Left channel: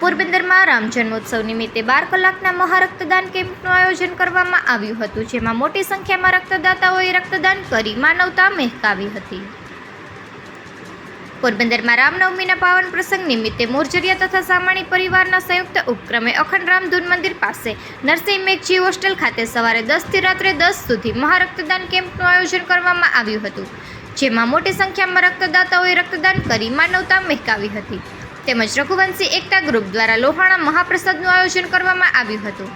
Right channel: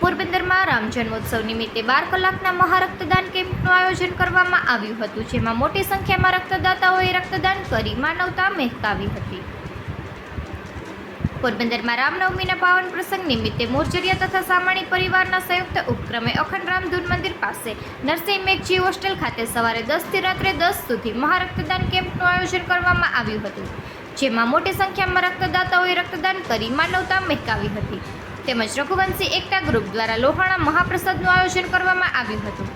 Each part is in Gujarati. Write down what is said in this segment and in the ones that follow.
પોરબંદરમાં રામ જન્મોત્સવ નિમિત્તે 12 કલાકના મહારક્તદાન કેમ્પનું આયોજન કરવામાં આવ્યું હતું, જેમાં મોટી સંખ્યામાં રક્તદાતાઓએ રક્તદાન કરી માનવતા મહેકાવી હતી. પોરબંદરમાં રામનવમીના પાવન પ્રસંગ નિમિત્તે મોરજરિયા તથા સામાણી પરિવારના સંયુક્ત ઉપક્રમે અખંડ રામ ધૂન મંદિર પાસે નરસિંહ મેઘજી હોસ્ટેલ ખાતે સવારે 10 થી રાત્રે 10 સુધી મહારક્તદાન કેમ્પનું આયોજન કરવામાં આવ્યું હતું, જેમાં મોટી સંખ્યામાં રક્તદાતાઓએ રક્તદાન કરી માનવતા મહેકાવી હતી. તેમજ રઘુવંશી એકતા ગ્રુપ દ્વારા લોહાણા મહાપ્રસાદનું આયોજન કરવામાં આવ્યું હતું.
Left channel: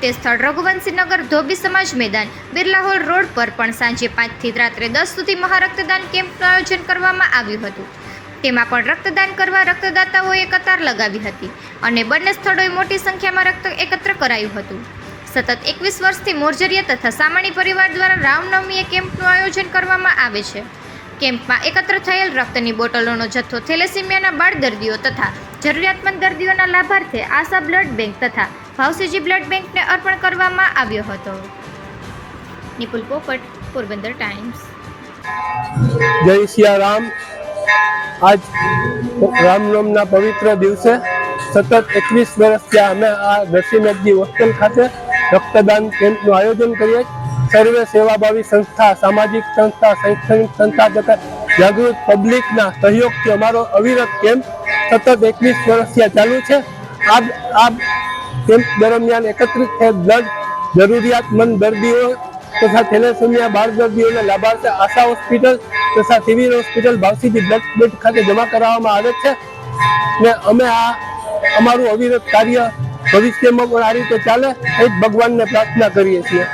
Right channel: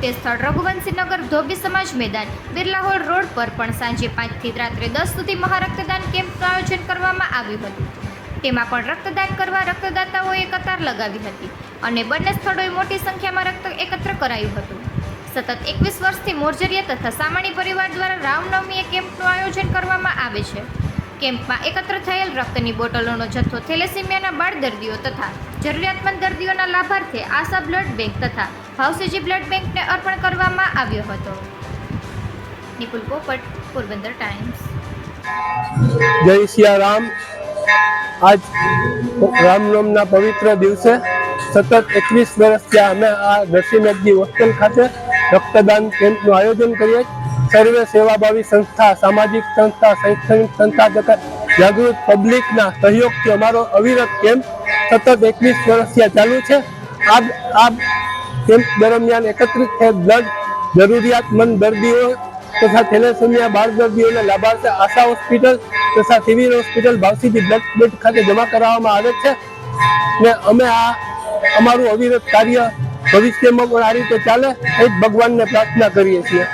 તે સ્થળ રઘુવંશીનગર ધોબી સમાજ મેદાન બિરલા હોલ રોડ પર પણ સાંજે 5 થી રાત્રે 10 સુધી મહારક્તદાન કેમ્પનું આયોજન કરવામાં આવ્યું હતું. તેમાં પણ રક્તદાન કરવા રક્તદાતાઓએ કતાર લગાવી હતી અને બંને સ્થળોએ મોટી સંખ્યામાં રક્ત એકત્ર કરાયું હતું. સતત 21 વર્ષથી મોરજરિયા તથા સામાણી પરિવાર દ્વારા રામનવમીએ કેમ્પનું આયોજન કરવામાં આવે છે. કેમ્પમાં એકત્ર થયેલ રક્તની બોટલોનો જથ્થો થેલેસીમિયાના બાળ દર્દીઓ તથા જરૂરિયાતમંદ દર્દીઓના લાભાર્થે આશા બ્લડ બેંક તથા ભાવસીજી બ્લડ બેંકને અર્પણ કરવામાં આવ્યો હતો. નિપુલ પોપટ, પોરબંદર ટાઈમ્સ. જય સિયા રામ. આજ રામનવમીના પવિત્ર દિવસે સતત 21 વર્ષથી અમે આ નરસિંહ મેઘજી હોસ્ટેલ ખાતે રક્તદાન કેમ્પનું આયોજન કરીએ. સર્વે સેવાભાવી સંસ્થા, સામાજિક સંસ્થા, શૈક્ષણિક સંસ્થા તથા જાગૃત પબ્લિકના સહયોગથી અમારો અવિરત કેમ્પ સતત 21 વર્ષથી ચાલુ છે. આ કેમ્પ દરમિયાન એકત્રિત થયેલ બ્લડ જરૂરિયાતમંદ દર્દીઓ તથા થેલેસેમિયા બાળ દર્દીઓને લાભાર્થે આશા હોસ્પિટલ તથા સિવિલ હોસ્પિટલ ભાવસીજી બ્લડ બેંક ખાતે જમા કરાવવામાં આવે છે. ને અમે અમારું અવિરત કાર્ય ભવિષ્યમાં પણ આ રીતે ચાલે એ જ ભગવાનને પ્રાર્થના કરીએ છીએ.